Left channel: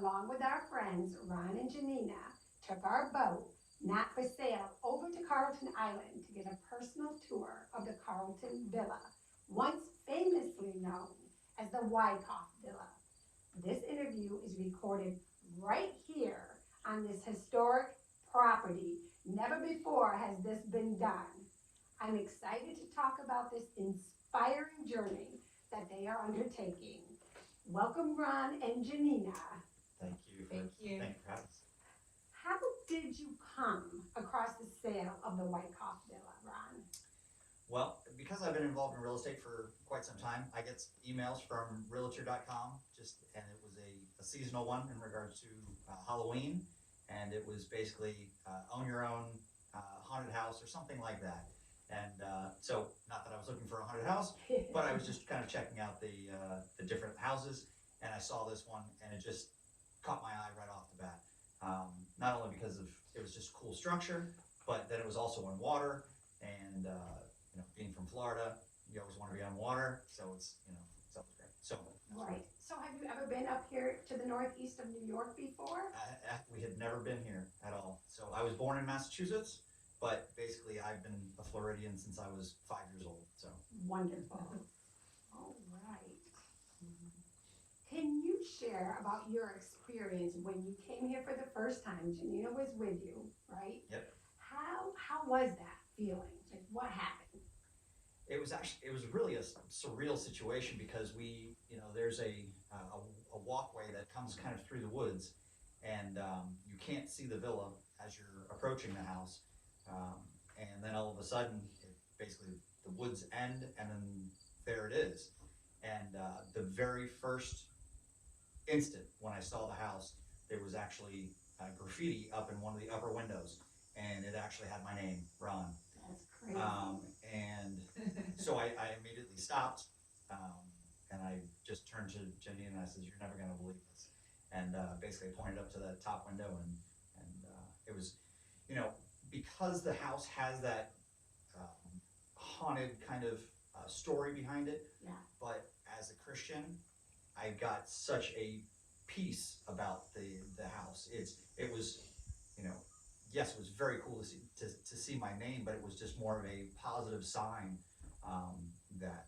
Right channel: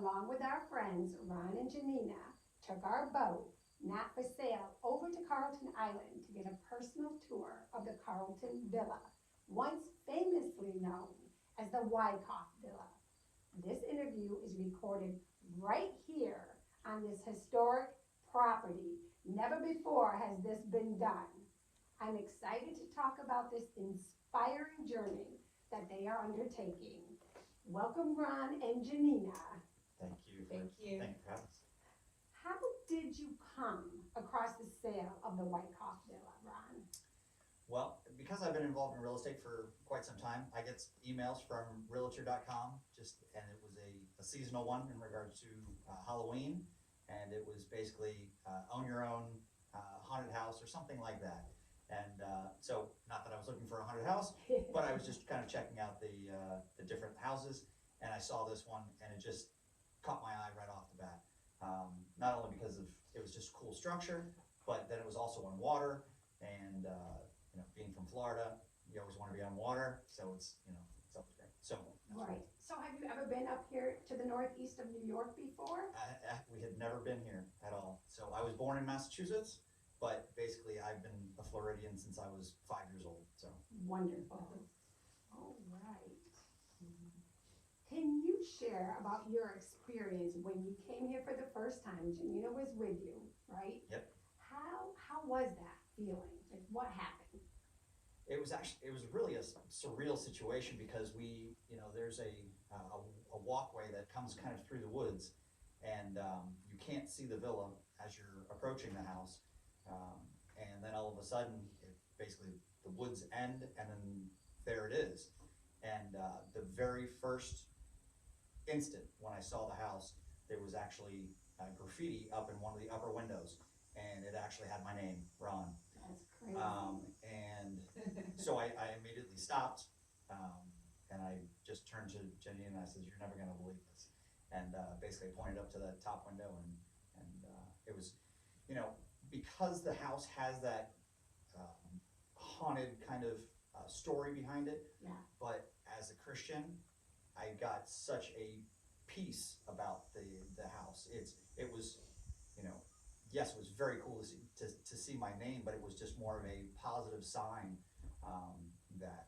along with our friends Ron and Janaina, took our boat, not for sale, over to Carleton Island to get a personal tour of the Carleton Villa, once famously known as the Wyckoff Villa. This interview is recorded right here on this historic property. Never before has this been done. I'm excited to talk about this inspiring journey that they are undertaking. Welcome, Ron and Janaina. Thank you. Thank you. Thank you for having us. How did you come across the sale of the Wyckoff Villa, Ron? Well, because I've been involved in real estate for quite some time, I get emails from realtor.com, and it was a seasonal one in regards to Halloween, and it was basically own your own haunted house or something like that. And so, not that I was looking for a haunted house, but I was just kind of checking out the different houses, and I saw this one, and it just caught my eye right off the bat. Not only because it was just a cool structure, but that it was also on water, and being from Florida, you always want to be on water, so it's something great. So Right. So have you ever been up here to the northeast of New York before? we had never been here at all. So I was born in Massachusetts, but basically I've been a Floridian since I was 5 years old. So Wonderful. All right. Can you share about your experience when you came here for the first time? Janaina was with you, right? Yep. How was that feeling? Like, what happened? it was really a surreal situation because there's a walkway that comes kind of through the woods, and you can't see the villa as you're approaching the house, and then all of a sudden, basically the woods end, and then there it is. And the very first instant when I saw the house, there was actually graffiti up in one of the upper windows, and it actually had my name, Ron. That's crazy. And so I immediately stopped, and I just turned to Jenny and I said, "You're never going to believe this." And basically pointed up to the top window, and it was, because the house has that haunted kind of story behind it. Yeah. But as a Christian, I got such a peace about the house. It was, yes, it was very cool to see my name, but it was just more of a positive sign that.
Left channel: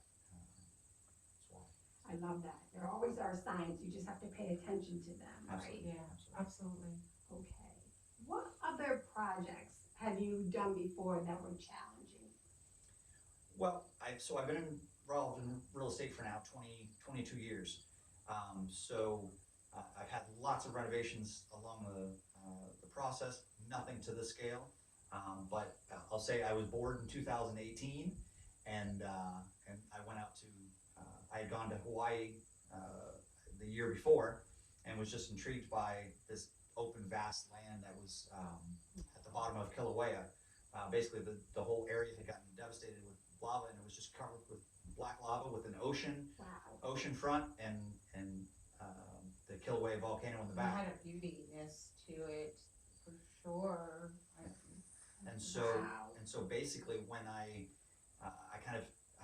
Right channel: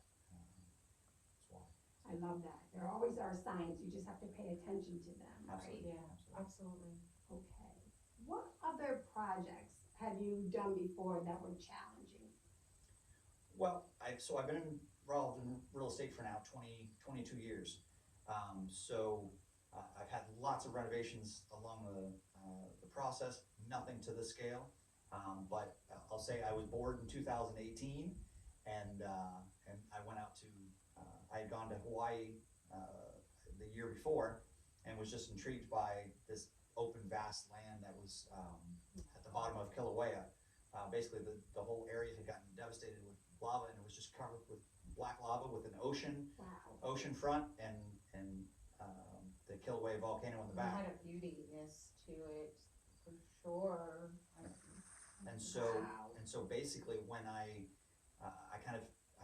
I love that. There always are signs. You just have to pay attention to them, right? Absolutely. Yeah, absolutely. Okay. What other projects have you done before that were challenging? Well, I've been involved in real estate for now 22 years. I've had lots of renovations along the process, nothing to the scale. But I'll say I was bored in 2018, and I went out to, I had gone to Hawaii the year before, and was just intrigued by this open, vast land that was at the bottom of Kilauea. Basically, the whole area had gotten devastated with lava, and it was just covered with black lava with an ocean front, and the Kilauea volcano in the It back. had a beautiness to it, for sure. And so basically, when I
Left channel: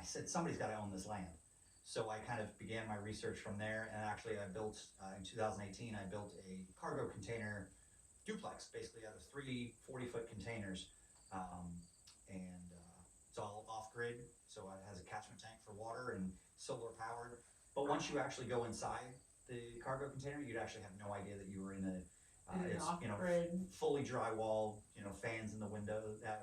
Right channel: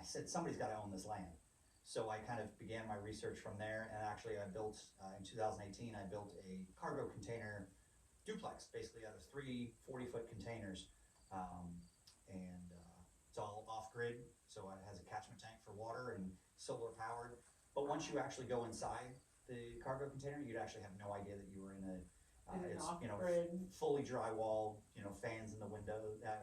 said somebody's got to own this land. So I kind of began my research from there, and actually I built, in 2018, I built a cargo container duplex, basically out of 3 40-foot containers. It's all off-grid, so it has a catchment tank for water and solar powered. But once you actually go inside the cargo container, you'd actually have no idea that you were in it's off-grid. Fully drywall, fans in the window,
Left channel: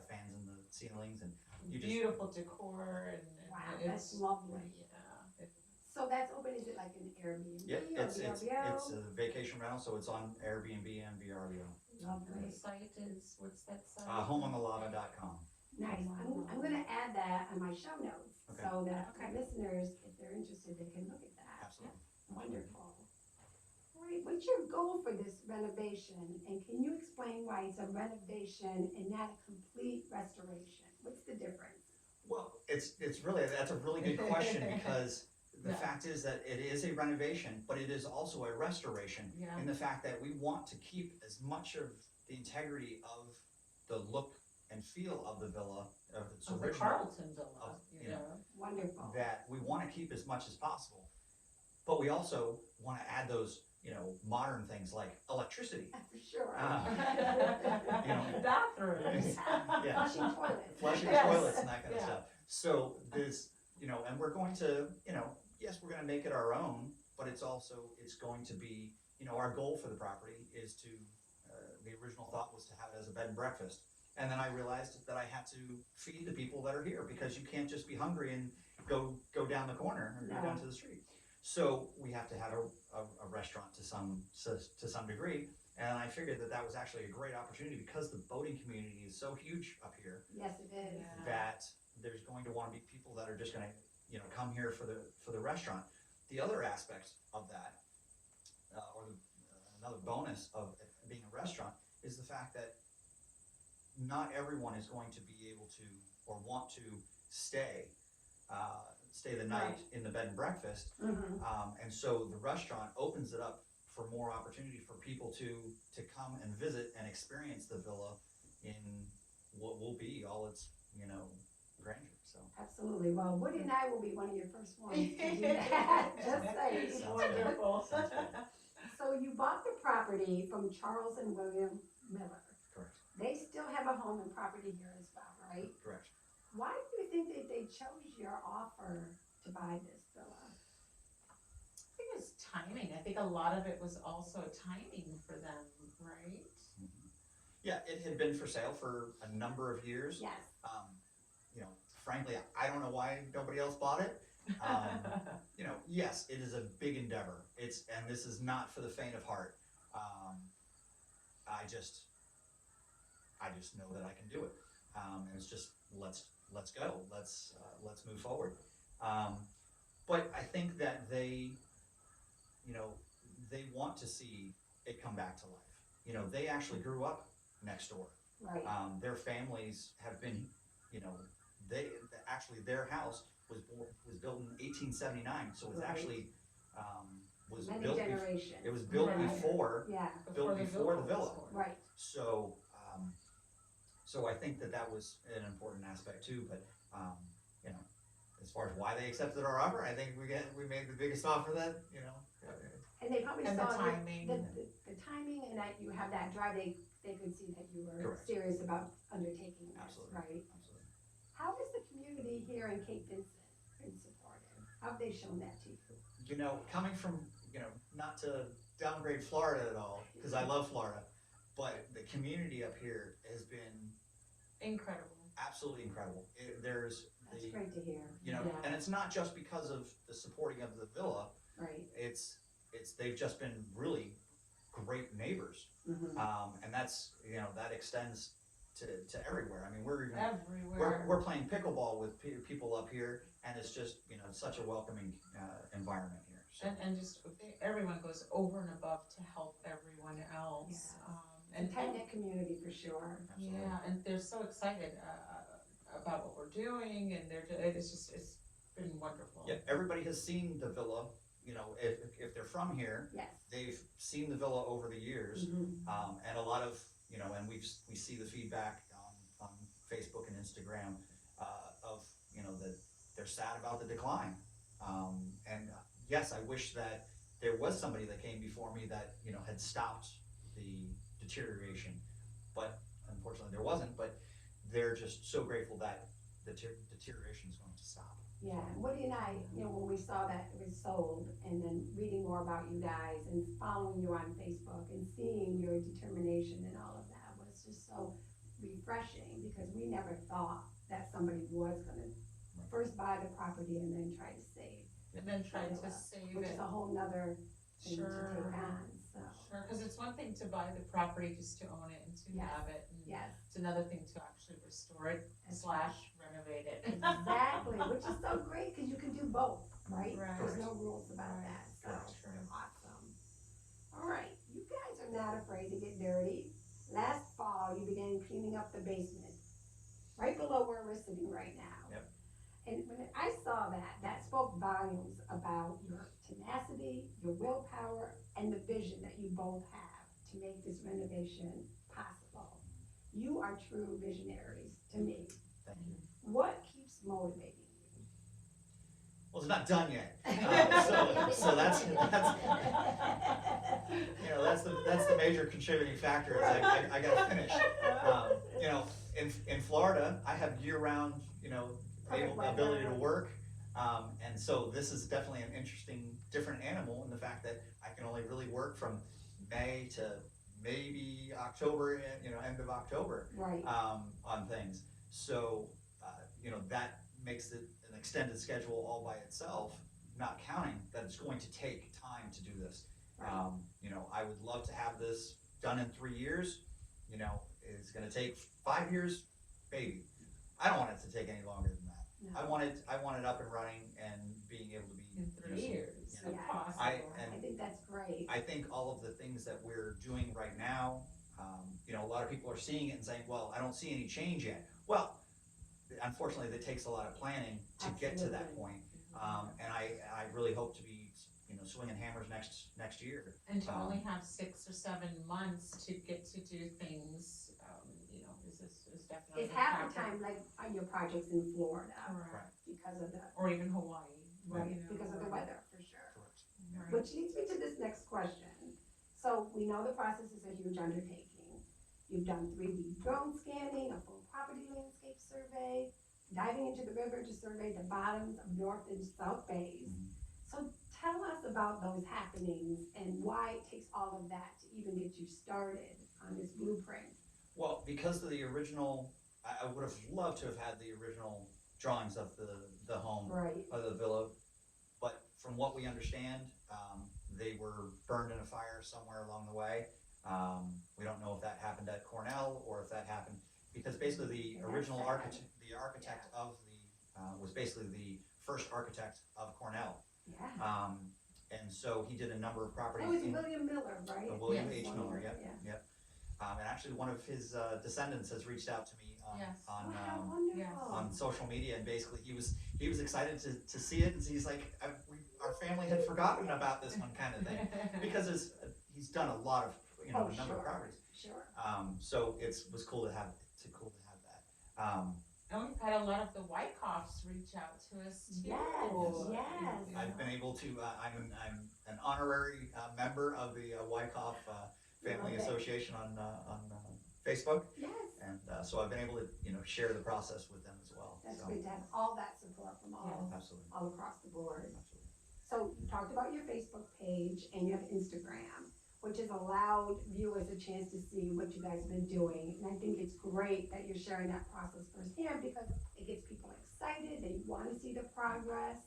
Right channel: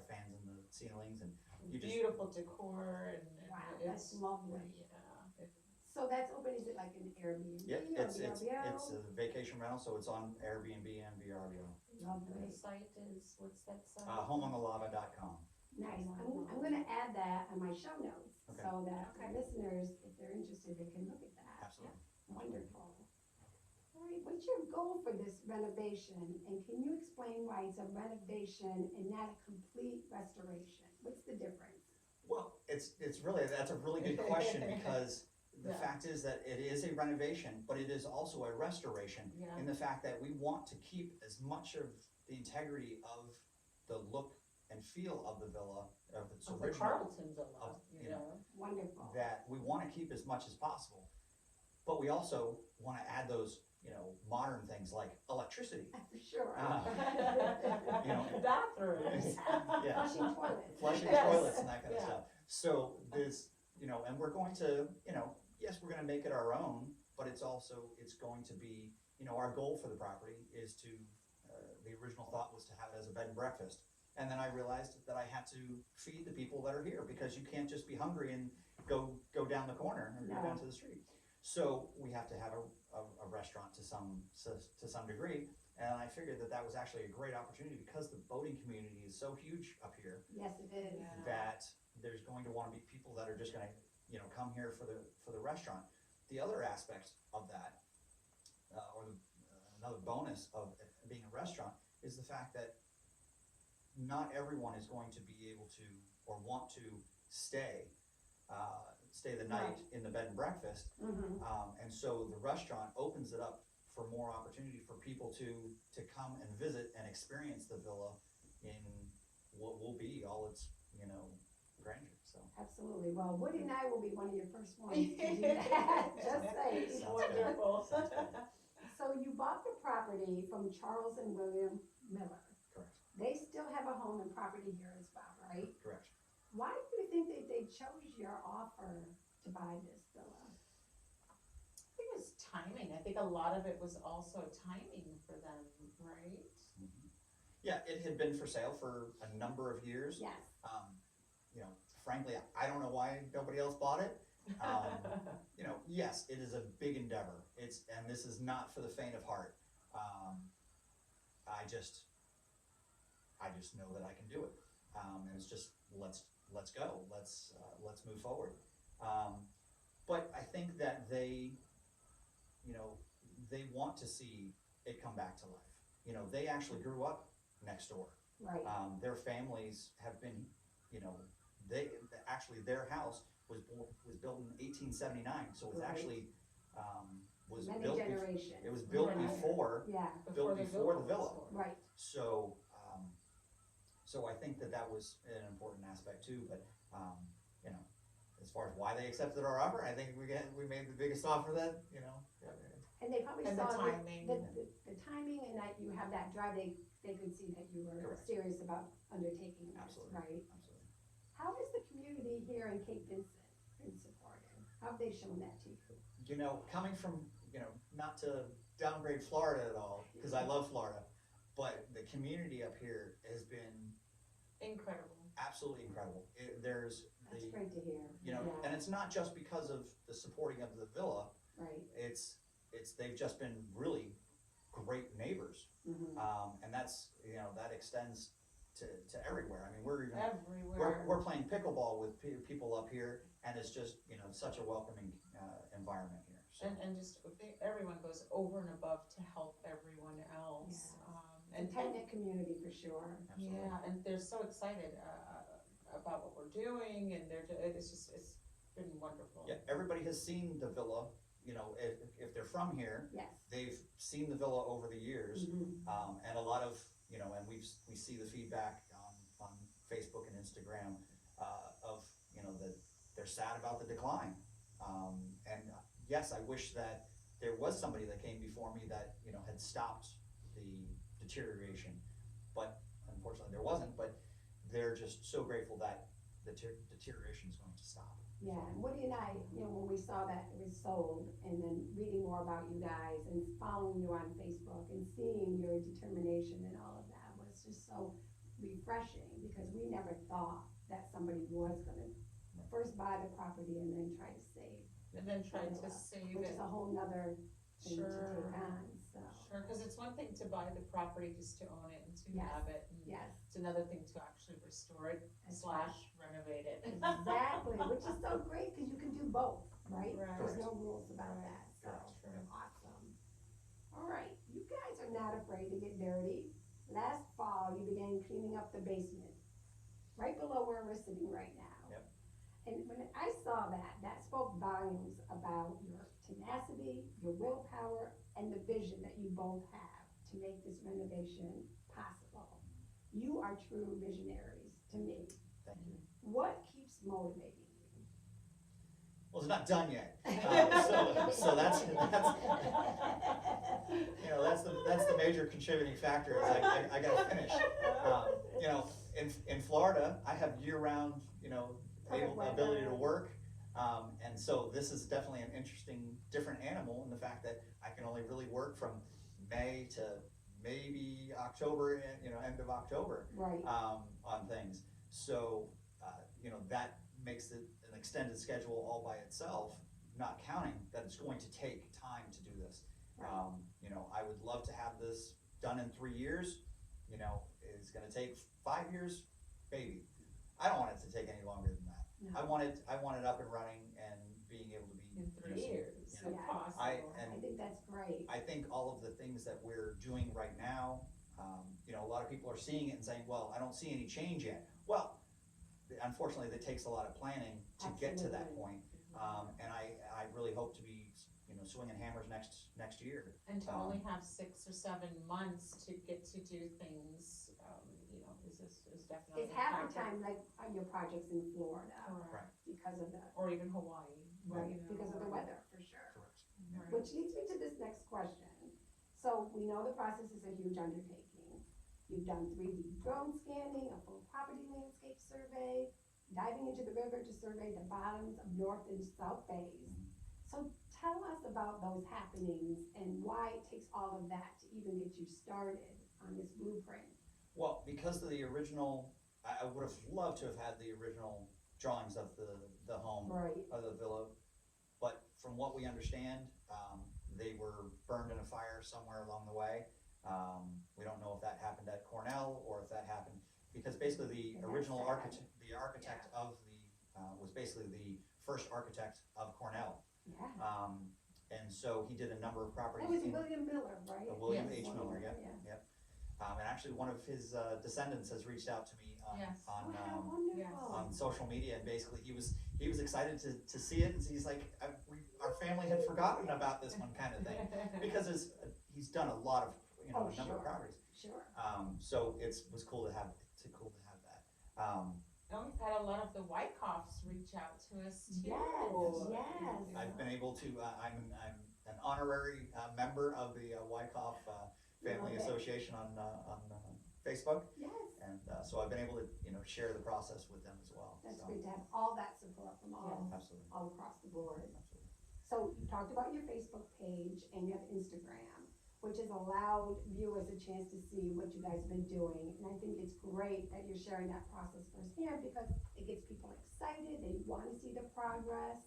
fans in the ceilings, and you just. Beautiful decor, and Wow, it's that's lovely. Yeah. So that's open, is it like an Airbnb Yeah, or it's VRBO? a vacation rental, so it's on Airbnb and VRBO. The site is, what's that site? HomeontheLava.com. Nice. I'm gonna add that on my show notes, Okay. so that our listeners, if they're interested, they can look at that. Absolutely. Wonderful. All right, what's your goal for this renovation? And can you explain why it's a renovation and not a complete restoration? What's the difference? Well, that's a really good question, because the Yeah. fact is that it is a renovation, but it is also a restoration, Yeah. in the fact that we want to keep as much of the integrity of the look and feel of the villa, of its Of the original, Carleton Villa, of, you know. Wonderful. that we want to keep as much as possible. But we also want to add those, modern things like electricity. For sure. Bathrooms. Yeah. Flushing toilets. Flushing Yes. toilets and that kind of Yeah. stuff. So there's, and we're going to, yes, we're going to make it our own, but it's going to be, our goal for the property is to, the original thought was to have it as a bed and breakfast. And then I realized that I had to feed the people that are here, because you can't just be hungry and go down the corner or go down to the street. So we have to have a restaurant to some degree. And I figured that was actually a great opportunity, because the boating community is so huge up here Yes, it is. Yeah. that there's going to want to be people that are just going to, come here for the restaurant. The other aspect of that, another bonus of being a restaurant, is the fact that not everyone is going to be able to or want to stay the night in the bed and breakfast. Mhm. And so the restaurant opens it up for more opportunity for people to come and visit and experience the villa in what will be all its, grandeur. So Absolutely. Well, Woody and I will be one of your first ones to do that. Just saying. Wonderful. So you bought the property from Charles and William Miller. correct, They still have a home and property here as well, right? correct. Why do you think that they chose your offer to buy this villa? I think it's timing. I think a lot of it was also timing for them, right? Mhm. Yeah, it had been for sale for a number of years. Yes. Frankly, I don't know why nobody else bought it. Yes, it is a big endeavor. And this is not for the faint of heart. I just know that I can do it. And it's just, let's go. Let's move forward. But I think that they want to see it come back to life. They actually grew up next door. Right. Their families have been, their house was built in 1879, so it's Right. actually, was Many built, generations. it was built Right. before Yeah, built before the villa. was born. right. So, so I think that was an important aspect too, but, as far as why they accepted our offer, I think we made the biggest offer that, And they probably And saw the timing. the timing, and that you have that drive, they could see that you were Correct. serious about undertaking this, Absolutely. right? Absolutely. How has the community here in Cape Vincent been supportive? How have they shown that to you? Coming from, not to downgrade Florida at all, because I love Florida, but the community up here has been Incredible. absolutely incredible. There's That's great to hear. Yeah. and it's not just because of the supporting of the villa, Right. they've just been really great neighbors. Mhm. And that's, that extends to everywhere. I mean, we're Everywhere. playing pickleball with people up here, and it's just, it's such a welcoming, environment here. So. And just, everyone goes over and above to help everyone else. Yes. It's And a tight-knit community for sure. Absolutely. yeah, and they're so excited about what we're doing, and it's been wonderful. Yeah, everybody has seen the villa, if they're from here, Yes. they've seen the villa over the years. Mhm. And a lot of, and we see the feedback on Facebook and Instagram, of, that they're sad about the decline. And yes, I wish that there was somebody that came before me that, had stopped the deterioration, but unfortunately there wasn't, but they're just so grateful that the deterioration is going to stop. Yeah, and Woody and I, when we saw that it was sold, and then reading more about you guys and following you on Facebook and seeing your determination and all of that was just so refreshing, because we never thought that somebody was gonna first buy the property and then try to save, And then trying to save which it. is a whole nother thing to Sure. take on, so, Sure, because it's one thing to buy the property just to own it and to Yes. have it. And yes. It's another thing to actually restore it That's / renovate it. Exactly, which is so great, because you can do both, right? Right. There's no rules about Right. that, so, Correct. awesome. All right, you guys are not afraid to get dirty. Last fall, you began cleaning up the basement, right below where we're sitting right now. Yep. And when I saw that, that spoke volumes about your tenacity, your willpower, and the vision that you both have to make this renovation possible. You are true visionaries to me. Thank you. What keeps motivating you? Well, it's not done yet. So that's that's the major contributing factor. Is I gotta finish. You know, in Florida, I have year-round, you know, ability to work, and so this is definitely an interesting, different animal in the fact that I can only really work from May to maybe October, you know, end of October, Right. On things. So, you know, that makes it an extended schedule all by itself, not counting that it's going to take time to do this. Right. You know, I would love to have this done in 3 years. You know, it's gonna take 5 years, maybe. I don't want it to take any longer than that. No. I want it up and running and being able to be In 3 useful, years, you know. if possible. I think that's great. I think all of the things that we're doing right now, you know, a lot of people are seeing it and saying, well, I don't see any change yet. Well, unfortunately, it takes a lot of planning to get to that point. And I really hope to be, you know, swinging hammers next year. And to only have 6 or 7 months to get to do things, you know, is definitely. It's half the time, like, on your projects in Florida, Correct. because of the, Or even Hawaii. right, you know, because of the weather, for sure. Right. Which leads me to this next question. So we know the process is a huge undertaking. You've done 3D drone scanning, a full property landscape survey, diving into the river to survey the bottoms of North and South Bays. So tell us about those happenings and why it takes all of that to even get you started on this blueprint. Well, because of the original, I would have loved to have had the original drawings of the home, Right. of the villa, but from what we understand, they were burned in a fire somewhere along the way. We don't know if that happened at Cornell or if that happened, because basically the And that's original sad. architect of was basically the first architect of Cornell. Yeah. And so he did a number of properties. Oh, it's in- William Miller, right? William Yes. H. Miller, Yeah. yep. And actually one of his descendants has reached out to me Yes. Oh, how on wonderful. on social media, and basically he was excited to see it, and he's like, our family had forgotten about this one kind of thing, because he's done a lot of, you know, Oh, a number of sure. properties. Sure. So was cool to have that. And we've had a lot of the Wyckoffs reach out to us too. Yes. I've been able to, I'm an honorary member of the Wyckoff Family Love it. Association on Facebook, Yes. and so I've been able to, you know, share the process with them as well. That's So, great to have all that support from absolutely, all across the board. absolutely. So you talked about your Facebook page and you have Instagram, which has allowed viewers a chance to see what you guys have been doing. And I think it's great that you're sharing that process firsthand because it gets people excited, they want to see the progress.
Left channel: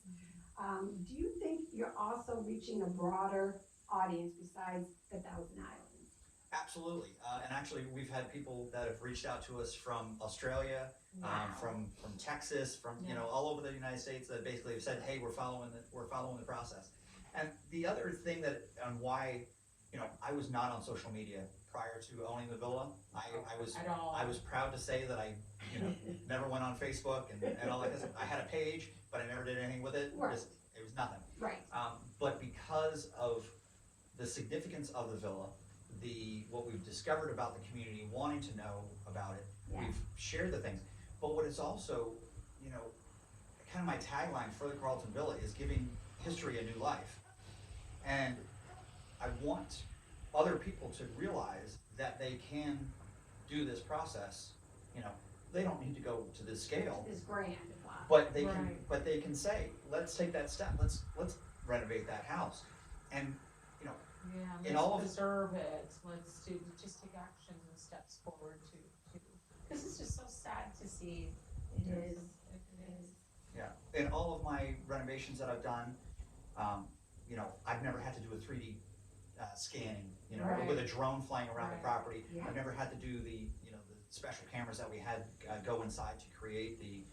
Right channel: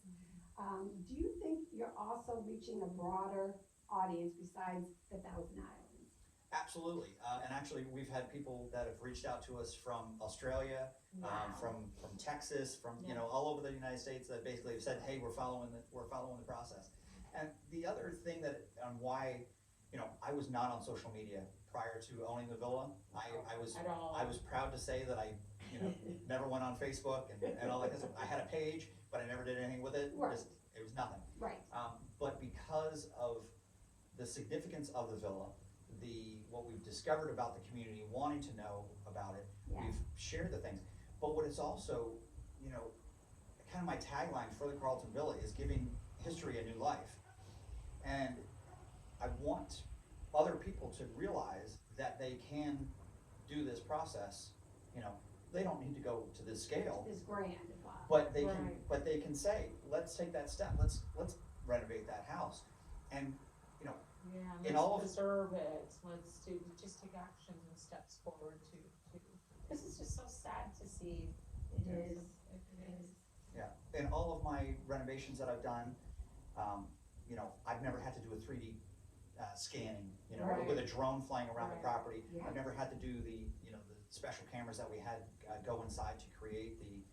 Do you think you're also reaching a broader audience besides the Thousand Islands? Absolutely, and actually, we've had people that have reached out to us from Australia, from Texas, from, you know, all over the United States, that basically have said, hey, we're following the process. And the other thing that, on why, you know, I was not on social media prior to owning the villa, At all. I was proud to say that I, you know, never went on Facebook and all that, because I had a page, but I never did anything with it. Right. It was nothing. Right. But because of the significance of the villa, what we've discovered about the community, wanting to know about it, Yeah. we've shared the things. But what is also, you know, kind of my tagline for the Carleton Villa is giving history a new life. And I want other people to realize that they can do this process. You know, they don't need to go to this scale, It's grand. but they Right. can say, let's take that step, let's renovate that house. And, you know, Yeah, in let's all of- preserve it, was to just take actions and steps forward to, this is just so sad to see. It is. It is. yeah, in all of my renovations that I've done, you know, I've never had to do a 3D scanning, you know, Right. with a drone flying around the Right. property. Yeah. I've never had to do the, you know, the special cameras that we had go inside to create the,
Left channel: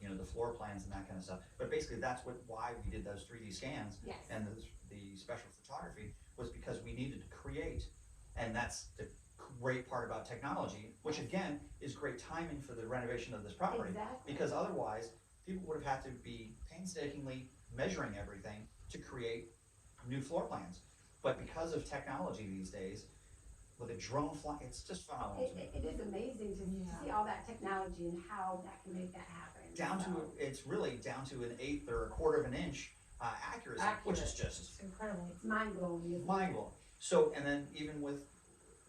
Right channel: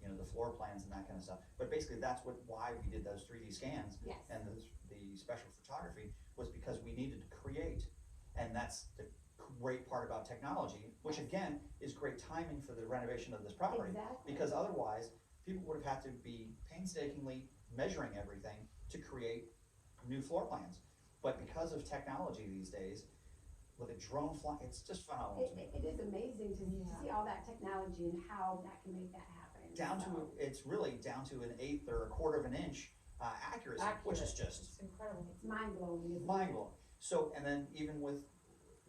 you know, the floor plans and that kind of stuff. But basically, that's why we did those 3D scans Yes. and the special photography, was because we needed to create, and that's the great part about technology, which again is great timing for the renovation of this property. Exactly. Because otherwise, people would have had to be painstakingly measuring everything to create new floor plans. But because of technology these days, with a drone flying, it's just phenomenal to me. It is amazing to Yeah. see all that technology and how that can make that happen. It's really down to an eighth or a quarter of an inch accuracy, which is just It's It's incredible. mind blowing, isn't it? mind blowing. So, and then even with,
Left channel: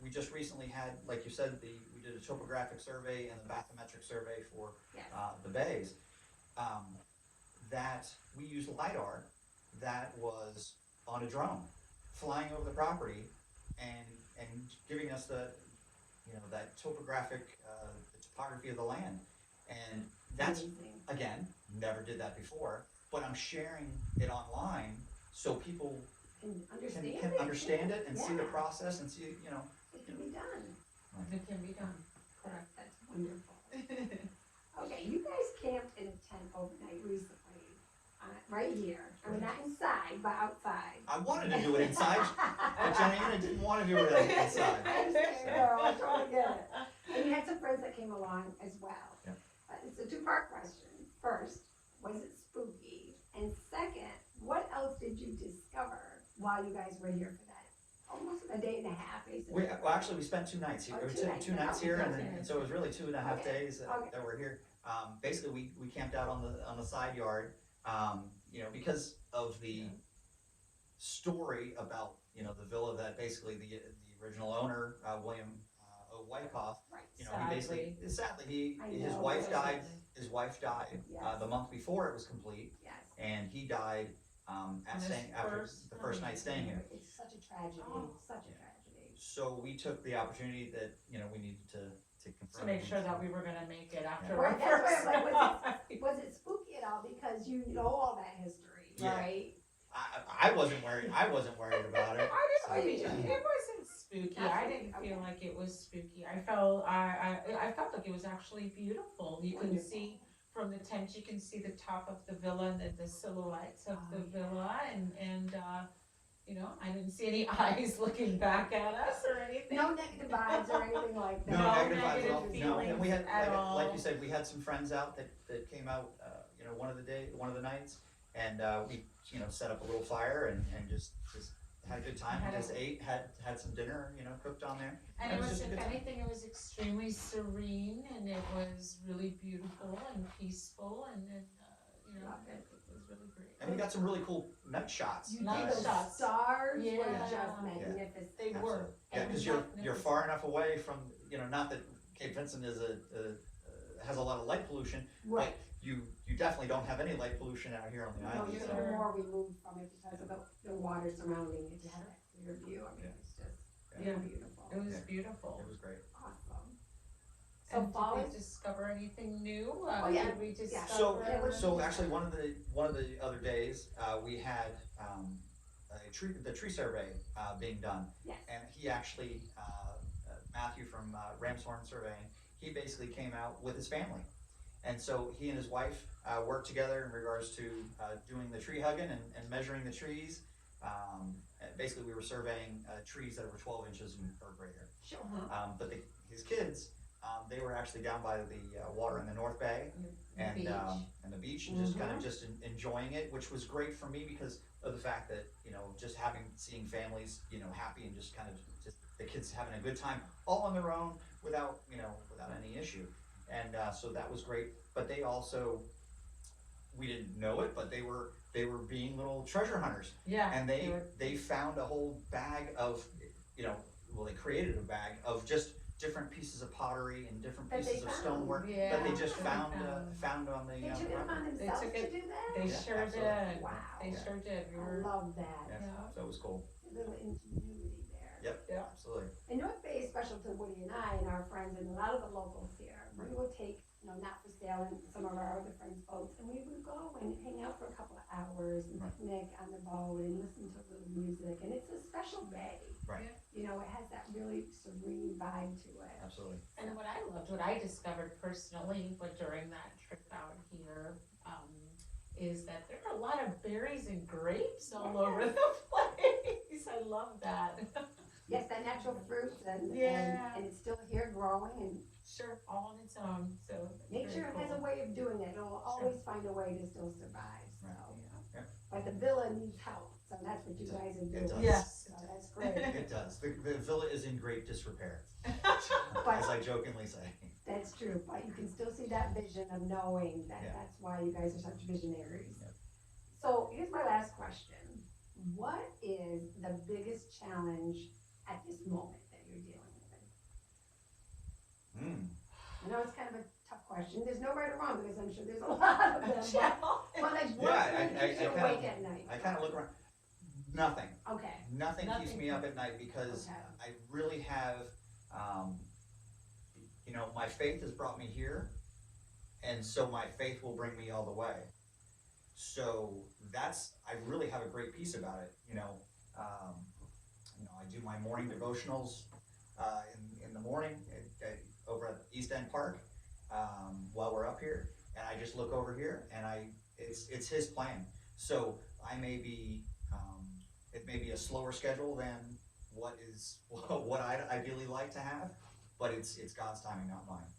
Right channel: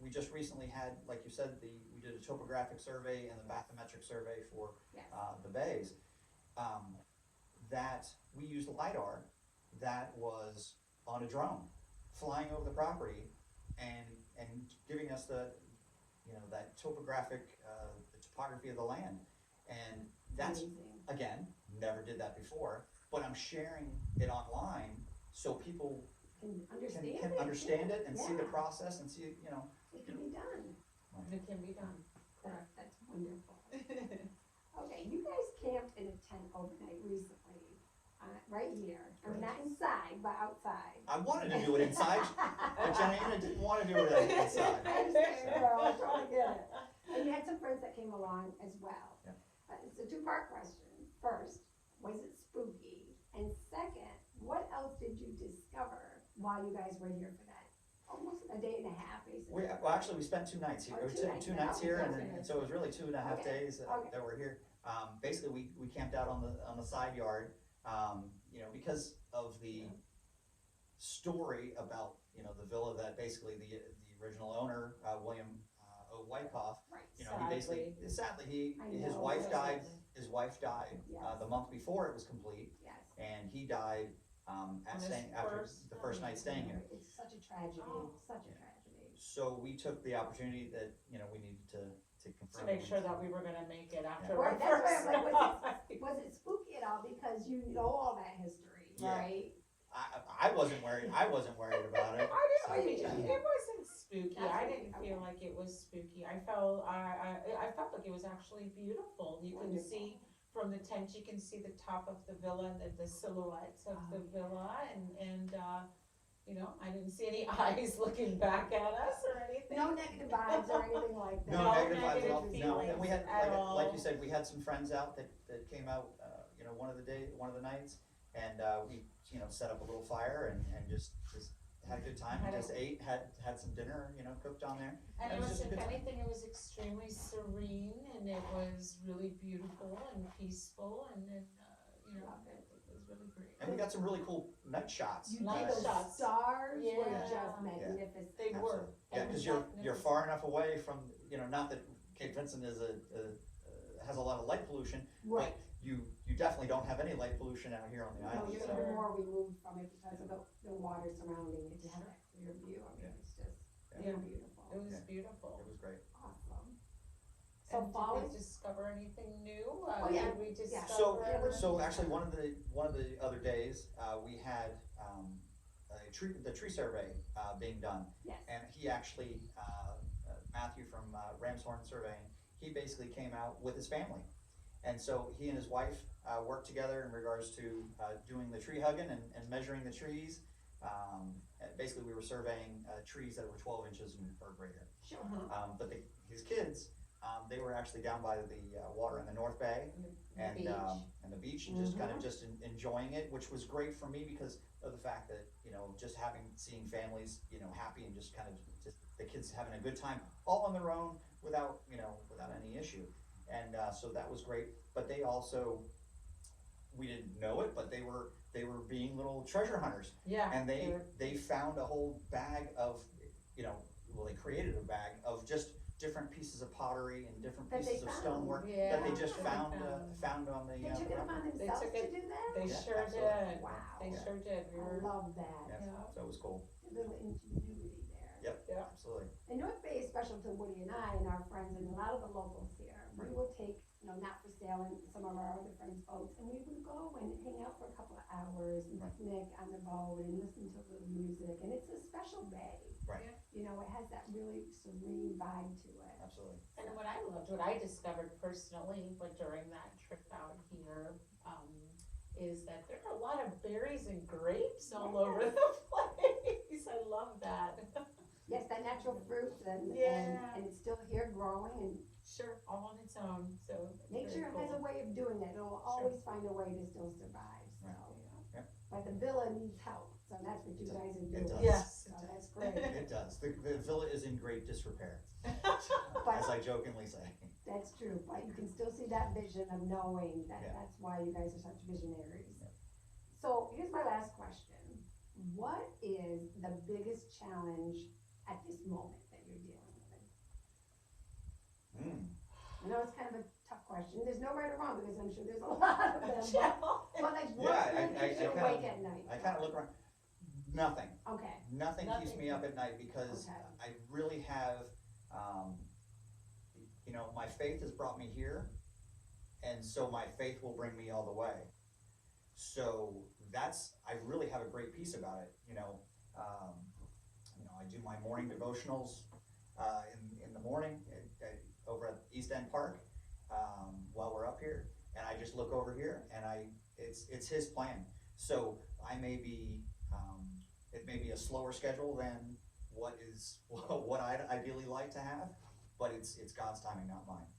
we just recently had, like you said, we did a topographic survey and the bathymetric survey for Yes. the bays. That we used LiDAR that was on a drone, flying over the property and giving us the, that topographic, the topography of the land. And that's, Amazing. again, never did that before, but I'm sharing it online so people Can can understand it and see the Yeah. process and see, It can be done. It can be done, correct. That's wonderful. Okay, you guys camped in a tent overnight recently, right here. I mean, not inside, but outside. I wanted to do it inside, but Janaina didn't want to do it inside. I understand, girl, I totally get it. And you had some friends that came along as well. Yep. It's a two-part question. First, was it spooky? And second, what else did you discover while you guys were here for that? Almost a day and a half, basically. Well, actually, we spent 2 nights here. Oh, We two took nights. 2 nights here, and Okay. then, so it was really 2.5 Okay. days that Okay. that we're here. Basically, we camped out on the side yard, because of the story about, the villa that basically the original owner, William O. Wyckoff, Right. he basically, sadly, I his know, wife that's died, right. his wife died, Yes. the month before it was complete, Yes. and he died, after the first night staying here. It's such a tragedy, Oh. such a tragedy. So we took the opportunity that, we needed to To confirm. make sure that we were gonna make it after Yeah. our Right, that's why first I'm like, night. Was it spooky at all? Because you know all that history, Yeah. right? I wasn't worried about it. I didn't, it wasn't spooky, I didn't feel Okay. like it was spooky, I felt like it was actually beautiful, you can Wonderful. see from the tent, you can see the top of the villa and the silhouettes of the Oh, yeah. villa and I didn't see any eyes looking back at us or anything. No negative vibes or anything like that. No No negative vibes at all. negative No, and we had, feelings at like all. you said, we had some friends out that came out, one of the nights, and we, set up a little fire and just had a good time. Had a- Just ate, had some dinner, cooked on there. And It it was was, just a if good time. anything, it was extremely serene and it was really beautiful and peaceful and then, Love it. it was really great. And we got some really cool night shots. You Night did, those shots. stars were Yeah. just magnificent. They were. Yeah, And because you're far enough away from, not that Cape Vincent is has a lot of light pollution, Right. you definitely don't have any light pollution out here on the No, island. you're even more removed from it because of the water surrounding it, to have that clear view, I mean, it's just Yeah. beautiful. It was Yeah. beautiful. It was great. Awesome. So And fall did is, we discover anything new? Oh, yeah. Did we Yeah. discover? So actually, one of the other days, we had, the tree survey, being done. yes, And he actually, Matthew from Ramshorn Surveying, he basically came out with his family. And so he and his wife worked together in regards to doing the tree hugging and measuring the trees. And basically, we were surveying trees that were 12 inches or greater. sure. But his kids, they were actually down by the water in the North Bay The beach. and the beach, and just kind of just enjoying it, which was great for me because of the fact that, just seeing families, happy and just kind of just the kids having a good time all on their own without any issue. And so that was great. But they also, we didn't know it, but they were being little treasure hunters. Yeah. And were- they found a whole bag of, they created a bag of just different pieces of pottery and different That they pieces of found. stonework Yeah. that they just found Found. on the. They took it upon They themselves took to it- do that? They Yeah, sure absolutely. did. Wow. They sure did. We I were, love that. Yeah, Yeah. so it was cool. A little ingenuity there. Yep, Yeah. absolutely. And North Bay is special to Woody and I and our friends and a lot of the locals here. We will take, not for sale and some of our other friends' boats, and we would go and hang out for a couple of hours and picnic on the boat and listen to a little music. And it's a special bay. Right. It has that really serene vibe to it. Absolutely. and what I discovered personally, but during that trip out here, is that there are a lot of berries and grapes all over the place. I love that. Yes, that natural fruit and Yeah. it's still here growing and Sure, all on its own, so. it's nature very has a cool. way of doing it. It'll always find a way to still survive, so. Yeah. But the villa needs help, so that's what you guys are doing. It does. Yes. So that's great. It does. The villa is in great disrepair, But- as I jokingly say. That's true, but you can still see that vision of knowing that Yeah. that's why you guys are such visionaries. Yep. So here's my last question. what is the biggest challenge at this moment that you're dealing with? I know it's kind of a tough question. There's no right or wrong because I'm sure there's a lot of them. But like, what keeps you awake at night? I kind of look around. Nothing. Okay. Nothing keeps me up at night because Okay. I really have, my faith has brought me here, and so my faith will bring me all the way. So I really have a great peace about it. I do my morning devotionals in the morning over at East End Park while we're up here, and I just look over here, and it's His plan. So I may be, it may be a slower schedule than what I'd ideally like to have, but it's God's timing, not mine.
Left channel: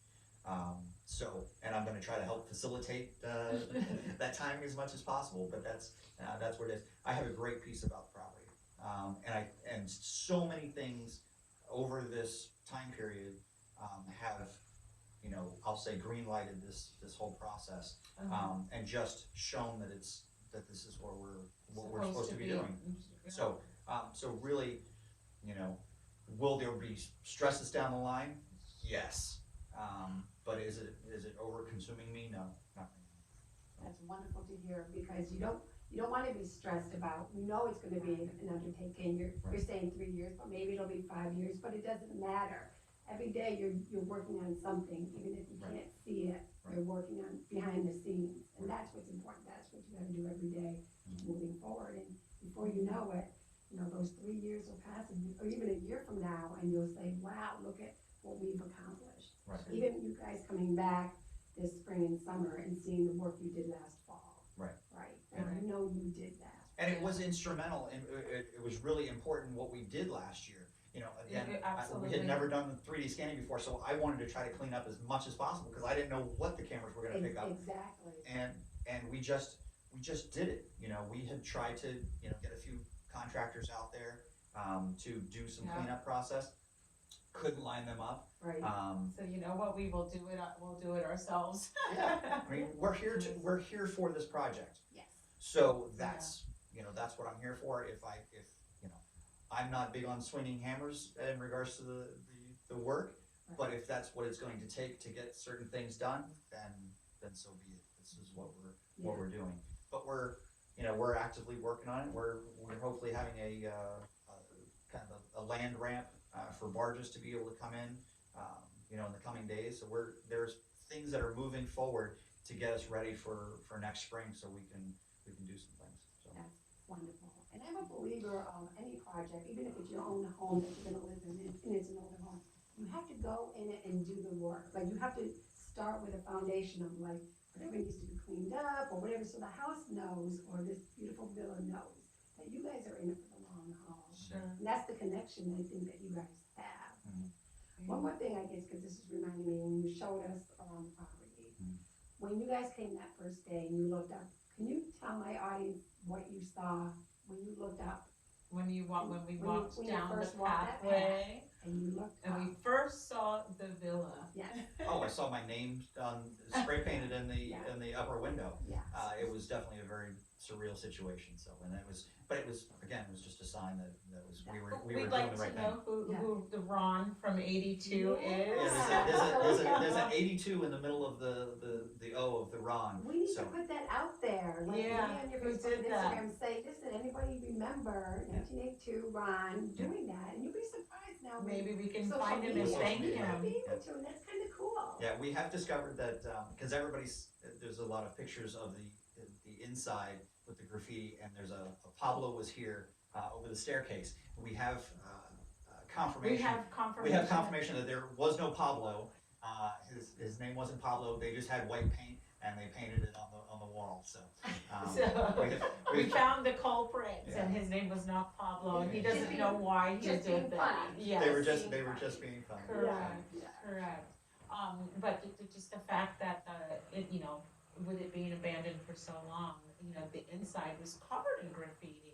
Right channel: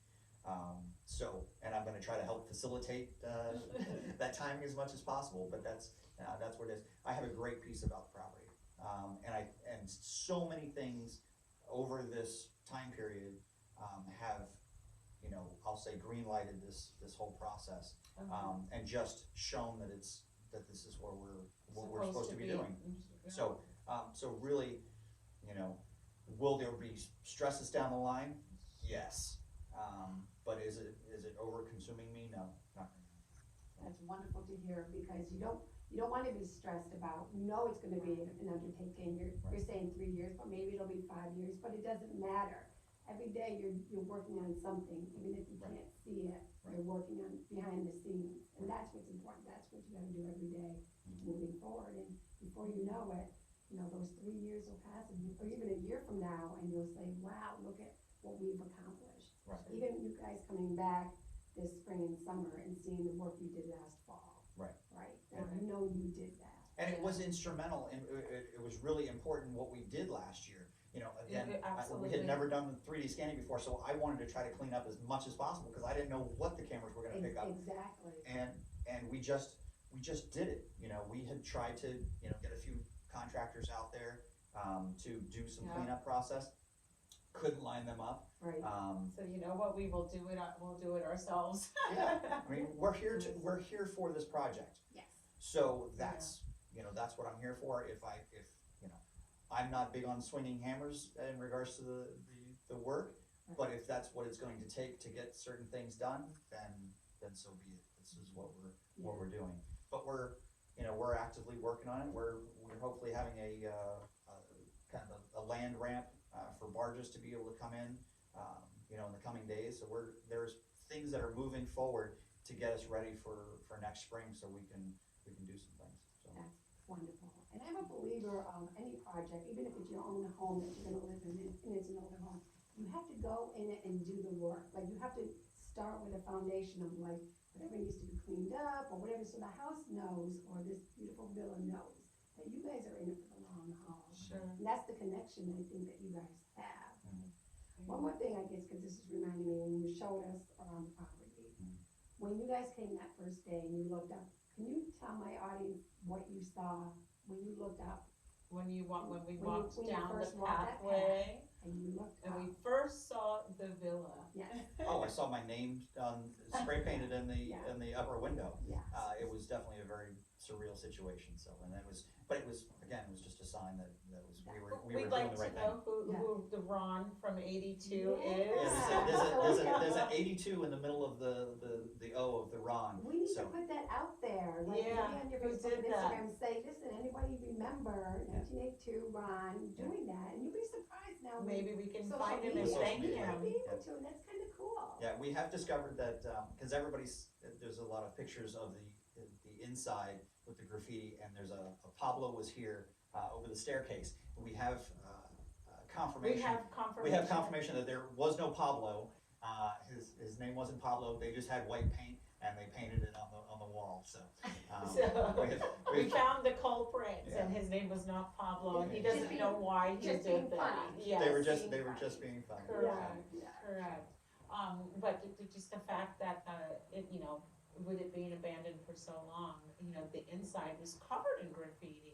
And I'm going to try to help facilitate that timing as much as possible. But that's what it is. I have a great peace about the property, and so many things over this time period have, I'll say, green lighted this whole process, and just shown that this is what we're supposed to be doing. So really, will there be stresses down the line? Yes. But is it over consuming me? No, not really. That's wonderful to hear because you don't want to be stressed about, it's going to be an undertaking. You're saying 3 years, but maybe it'll be 5 years, but it doesn't matter. Every day you're working on something, even if you can't see it, you're working on behind the scenes. And that's what's important. That's what you got to do every day moving forward. And before you know it, those 3 years will pass, or even a year from now, and you'll say, wow, look at what we've accomplished. Right. Even you guys coming back this spring and summer and seeing the work you did last fall. Right. Right. And you did that. And it was instrumental, and it was really important what we did last year. Again, we had never done 3D scanning before, so I wanted to try to clean up as much as possible because I didn't know what the cameras were going to pick up. Exactly. And we just did it. We had tried to get a few contractors out there to do some cleanup process. Couldn't line them up. Right. So what, we'll do it ourselves. Yeah. I mean, we're here for this project. Yes. So that's what I'm here for. If I'm not big on swinging hammers in regards to the work, but if that's what it's going to take to get certain things done, then so be it. This is what we're doing. But we're actively working on it. We're hopefully having a kind of a land ramp for barges to be able to come in, in the coming days. So there's things that are moving forward to get us ready for next spring, so we can do some things. So. That's wonderful. And I'm a believer of any project, even if it's your own home that you're going to live in, and it's an older home, you have to go in it and do the work. Like, you have to start with a foundation of like whatever needs to be cleaned up or whatever, so the house knows, or this beautiful villa knows, that you guys are in it for the long haul. Sure. And that's the connection I think that you guys have. One more thing, I guess, because this is reminding me, when you showed us around the property, when you guys came that first day and you looked up, can you tell my audience what you saw when you looked up? When we walked when you down first the walked that pathway, and you looked and up. we first saw the villa. Yes. Oh, I saw my name spray painted in the upper window. Yes. It was definitely a very surreal situation. So, and it was just a sign that we were We'd doing like the right to thing. know who the Ron from 82 Yeah. is. There's an 82 in the middle of the O of the Ron. We need So- to put that out there. Like, Yeah, maybe on your who Facebook did and that? Instagram, say, listen, anybody remember 1982 Ron doing that? And you'll be surprised now. with Maybe we can social find him and media. thank We might him. be able to, and that's kind of cool. Yeah, we have discovered that because there's a lot of pictures of the inside with the graffiti, and there's a Pablo was here over the staircase. We have confirmation. We have confirmation that there was no Pablo. His name wasn't Pablo. They just had white paint and they painted it on the wall. So, We found the culprit, and his name was not Pablo, and he Just doesn't being- know why he just did being that. funny. Yes, they were just being funny. Correct. Yeah. Correct. But just the fact that with it being abandoned for so long, the inside was covered in graffiti.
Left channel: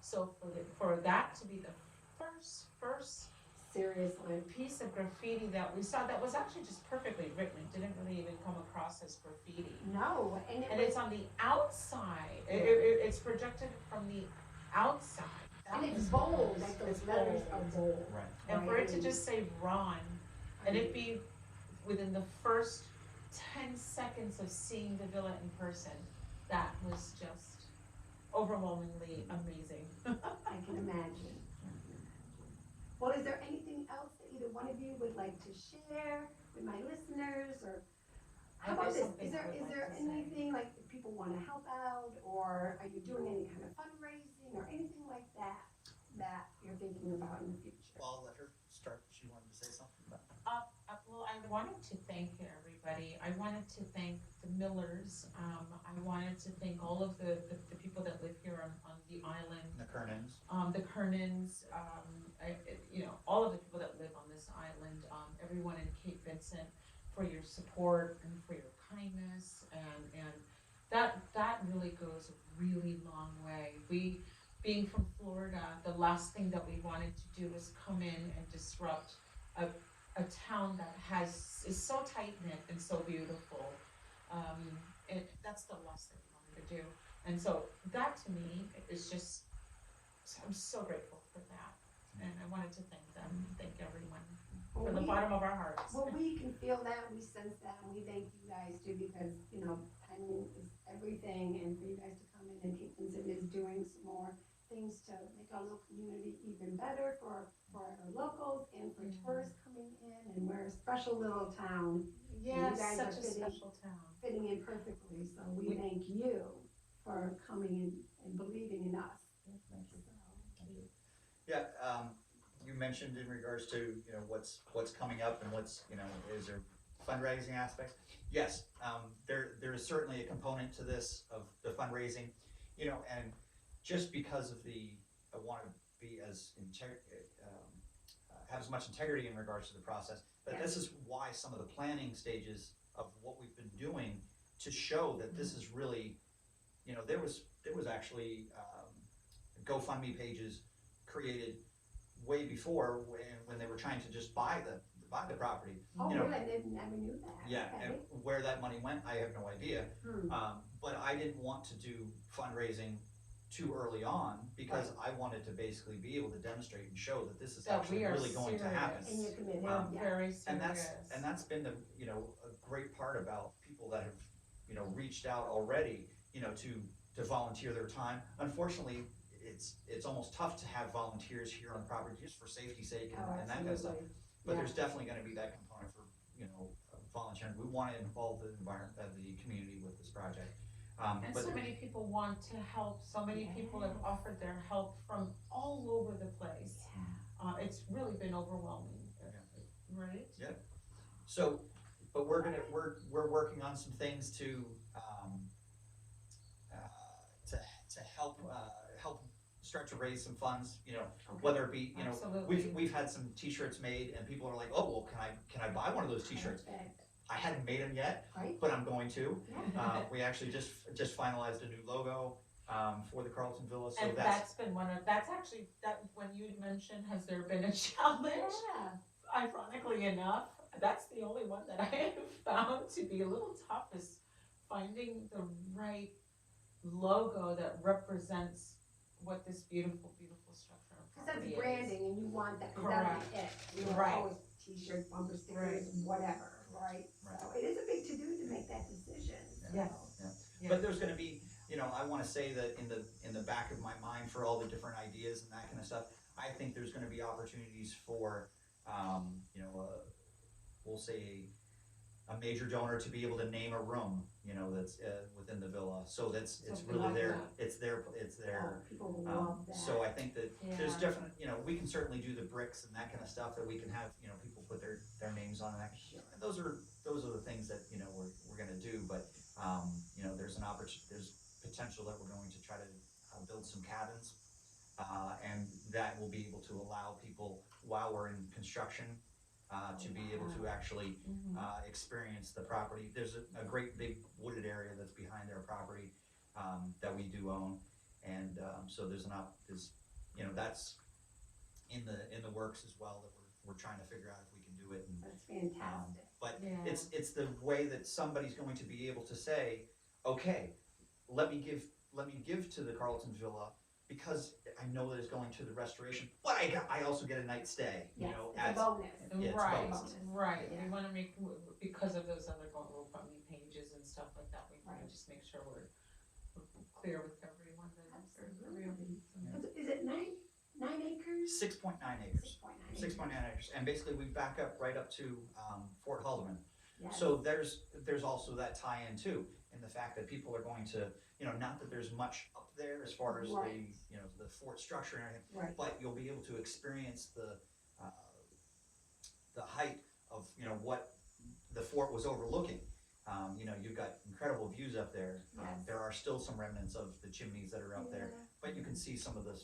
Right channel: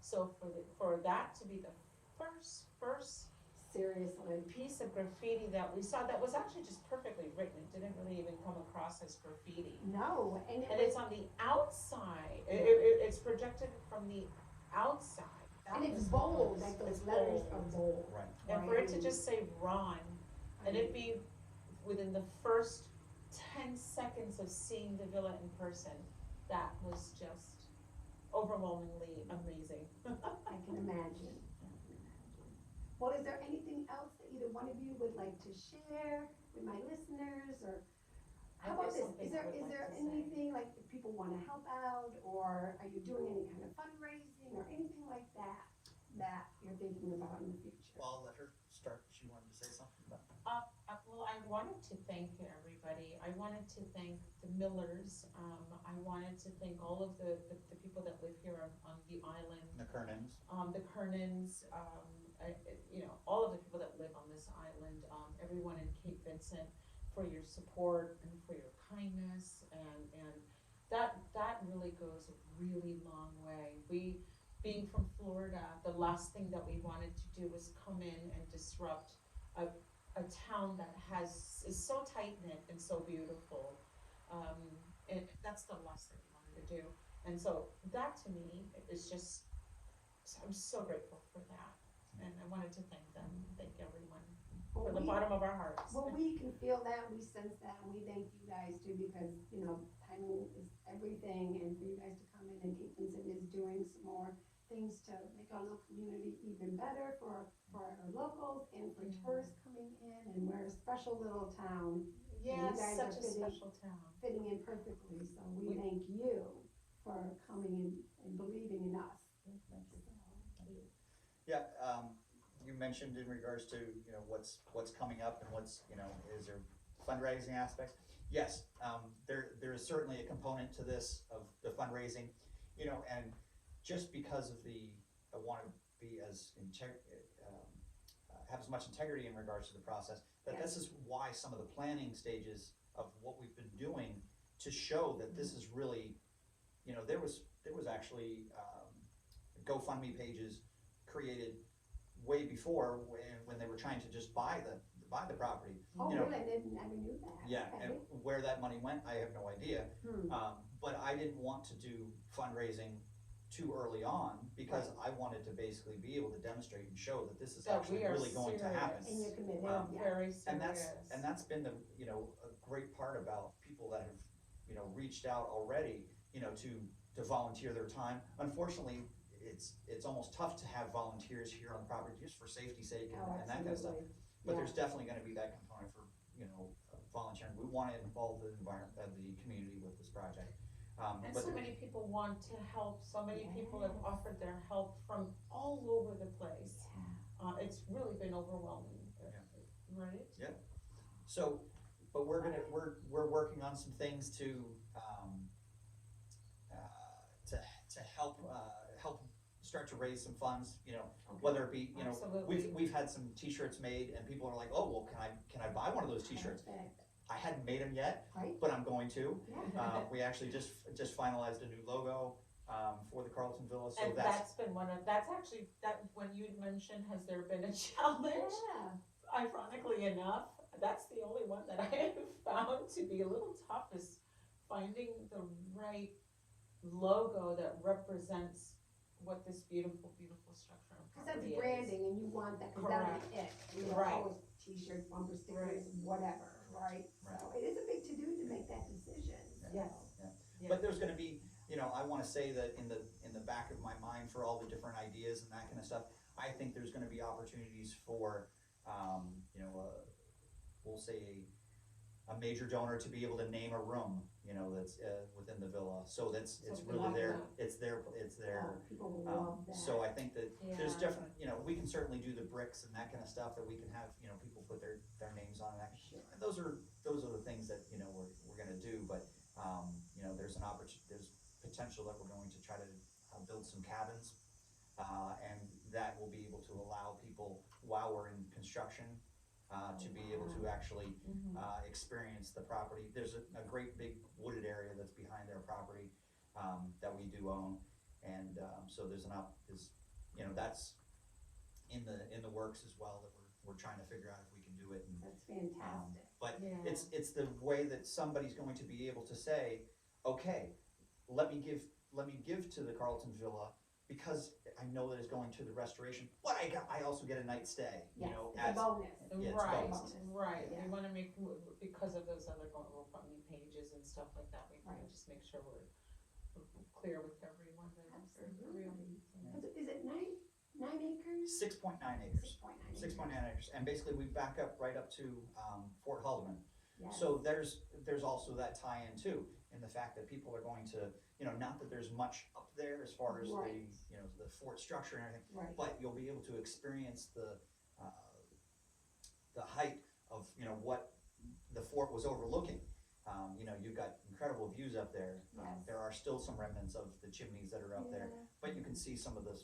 So for that to be the first Seriously. piece of graffiti that we saw, that was actually just perfectly written. It didn't really even come across as graffiti. No, and And it's on the outside. It's projected from the outside. That And it's was bold, nice. like those It's letters are bold. bold. Right. And for it to Right. just say Ron, and it be within the first 10 seconds of seeing the villa in person, that was just overwhelmingly amazing. I can imagine. Well, is there anything else that either one of you would like to share with my listeners, or how about There's this? something Is there I would like to say. anything like if people want to help out, or are you doing any kind of fundraising or anything like that that you're thinking about in the future? Well, I'll let her start. She wanted to say something about that. Well, I wanted to thank everybody. I wanted to thank the Millers. I wanted to thank all of the people that live here on the island. The Kernans. The Kernans, all of the people that live on this island, everyone in Cape Vincent, for your support and for your kindness, and that really goes a really long way. We, being from Florida, the last thing that we wanted to do is come in and disrupt a town that is so tight knit and so beautiful. And that's the last thing we wanted to do. And so that to me is just, I'm so grateful for that. And I wanted to thank them, thank everyone Well, from the bottom of our hearts. Well, we can feel that, we sense that, and we thank you guys too, because, timing is everything, and for you guys to come in and Cape Vincent is doing some more things to make our little community even better for our locals and for tourists coming in, and we're a special little town. Yes, guys such are a special town. fitting in perfectly, so we thank you for coming in and believing in us. Yeah, you mentioned in regards to, what's coming up and what's, is there fundraising aspects? Yes, there is certainly a component to this of the fundraising, and just because of I want to be have as much integrity in regards to the process, but this is why some of the planning stages of what we've been doing to show that this is really, there was actually GoFundMe pages created way before when they were trying to just buy the property. Oh, really? I never knew that. Yeah, Okay. and where that money went, I have no idea. But I didn't want to do fundraising too early on because I wanted to basically be able to demonstrate and show that this is That actually we are really going to happen. And you're committed, Very serious. And that's been a great part about people that have, reached out already, to volunteer their time. Unfortunately, it's almost tough to have volunteers here on the property just for safety's sake and that kind of stuff. But there's definitely gonna be that component for, volunteering. We wanna involve the environment, the community with this project. And so many people want to help, so many people have offered their help from all over the place. It's really been overwhelming, right? Yep. So, but we're working on some things to help start to raise some funds, whether it be, Absolutely. we've had some t-shirts made and people are like, oh, well, can I buy one of those t-shirts? I hadn't made them yet, but I'm going to. We actually just finalized a new logo for the Carleton Villa. So And that's been when you mentioned, has there been a challenge? Ironically enough, that's the only one that I have found to be a little tough, is finding the right logo that represents what this beautiful, beautiful structure of Because that's property is. branding, and you want that, because that'll be it. Right. Always t-shirts, bumper stickers, whatever, right? So it is a big to-do to make that decision. Yes. But there's gonna be, I wanna say that in the back of my mind for all the different ideas and that kind of stuff, I think there's gonna be opportunities for, we'll say a major donor to be able to name a room, that's within the villa. So it's Something really like their, that. it's their, People will love that. so I think that there's Yeah. different, we can certainly do the bricks and that kind of stuff that we can have, people put their names on and that. And those are the things that, we're gonna do, but, there's there's potential that we're going to try to build some cabins. And that will be able to allow people, while we're in construction, to be able to actually experience the property. There's a great big wooded area that's behind their property that we do own, and so that's in the works as well, that we're trying to figure out if we can do it. And, That's fantastic. but Yeah. it's the way that somebody's going to be able to say, okay, let me give to the Carleton Villa because I know that it's going to the restoration, but I also get a night stay, you Yes, know, it's a bonus. Yeah, it's Right, bonus. right, Yeah. we wanna make, because of those other GoFundMe pages and stuff like that, we wanna Right. just make sure we're clear with everyone that there's a real Absolutely. reason. Is it 9 acres? 6.9 acres. 6.9 6.9 acres, and basically we back up right up to Fort Haldeman. Yes. So there's also that tie-in too, in the fact that people are going to, you know, not that there's much up there as far as Right. the fort structure and everything, Right. but you'll be able to experience the height of, you know, what the fort was overlooking. You know, you've got incredible views up there. Yes. There are still some remnants of the chimneys that are out there, Yeah. but you can see some of the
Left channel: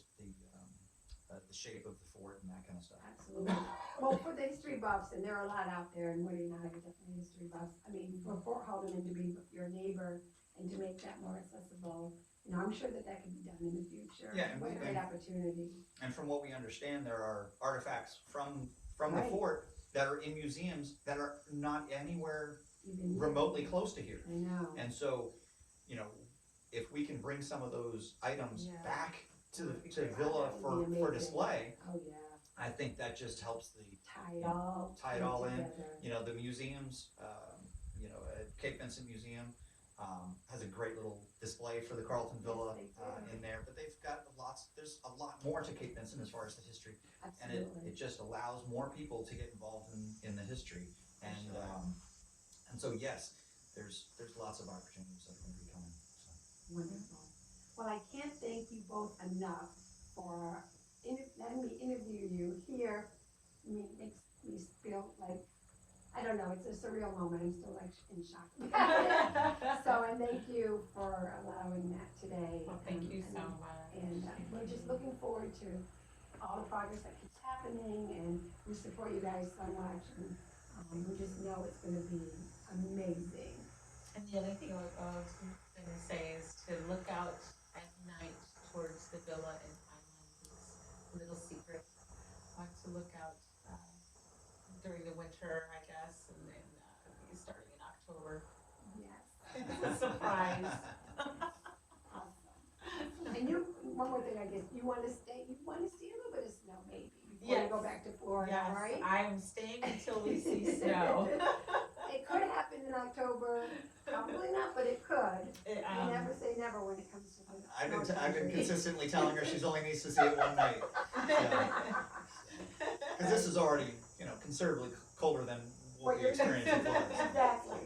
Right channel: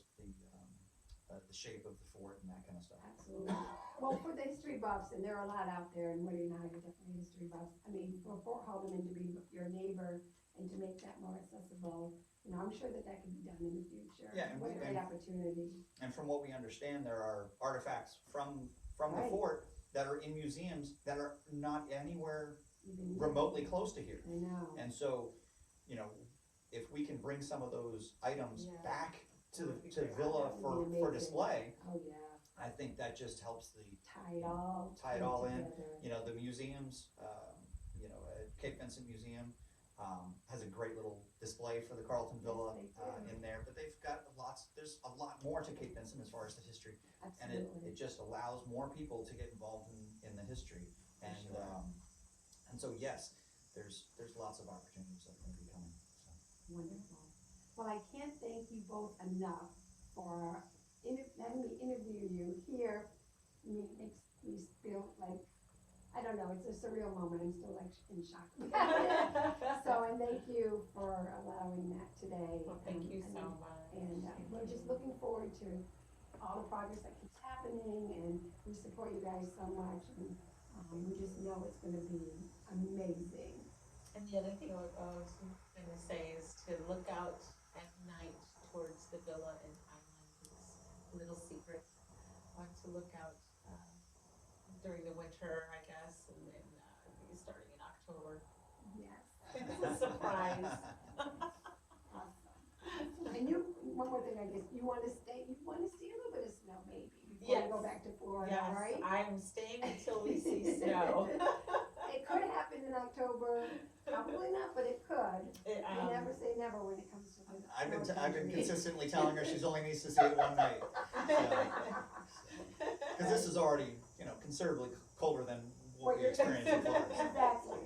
shape of the fort and that kind of stuff. Absolutely. Well, for the history buffs, and there are a lot out there, and Woody and I are definitely history buffs. I mean, for Fort Haldeman to be your neighbor and to make that more accessible, you know, I'm sure that can be done in the future. Yeah, and What a we- great opportunity. And from what we understand, there are artifacts from the Right. fort that are in museums that are not anywhere Even remotely close to here. I know. And so, you know, if we can bring some of those items Yeah. back to That'd be the great. villa That would for be amazing. display, Oh, yeah. I think that just helps Tie it all. in. You know, the museums, you know, Cape Vincent Museum has a great little display for the Carleton Villa Yes, they do. in there, but they've got there's a lot more to Cape Vincent as far as the history. And Absolutely. it just allows more people to get involved in the history. And sure. and so yes, there's lots of opportunities that are going to be coming. So. Wonderful. Well, I can't thank you both enough for letting me interview you here. I mean, it makes me feel like, I don't know, it's a surreal moment. I'm still like in shock. So, and thank you for allowing that today. Well, thank you so much. And we're just looking forward to all the progress that keeps happening, and we support you guys so much. And we just know it's going to be amazing. And the other thing I was gonna say is to look out at night towards the villa and island. It's a little secret. To look out during the winter, I guess, and then starting in October. Yes. Surprise. Awesome. And one more thing, I guess, you want to see a little bit of snow maybe before you Yes. go back to Florida, Yes, right? I'm staying until we see snow. It could happen in October, probably not, but it could. You never say never when it comes to the I've been snow I've been country. consistently telling her she's only needs to see it one night. Because this is already, you know, considerably colder than what we you're- experienced in Florida. Exactly.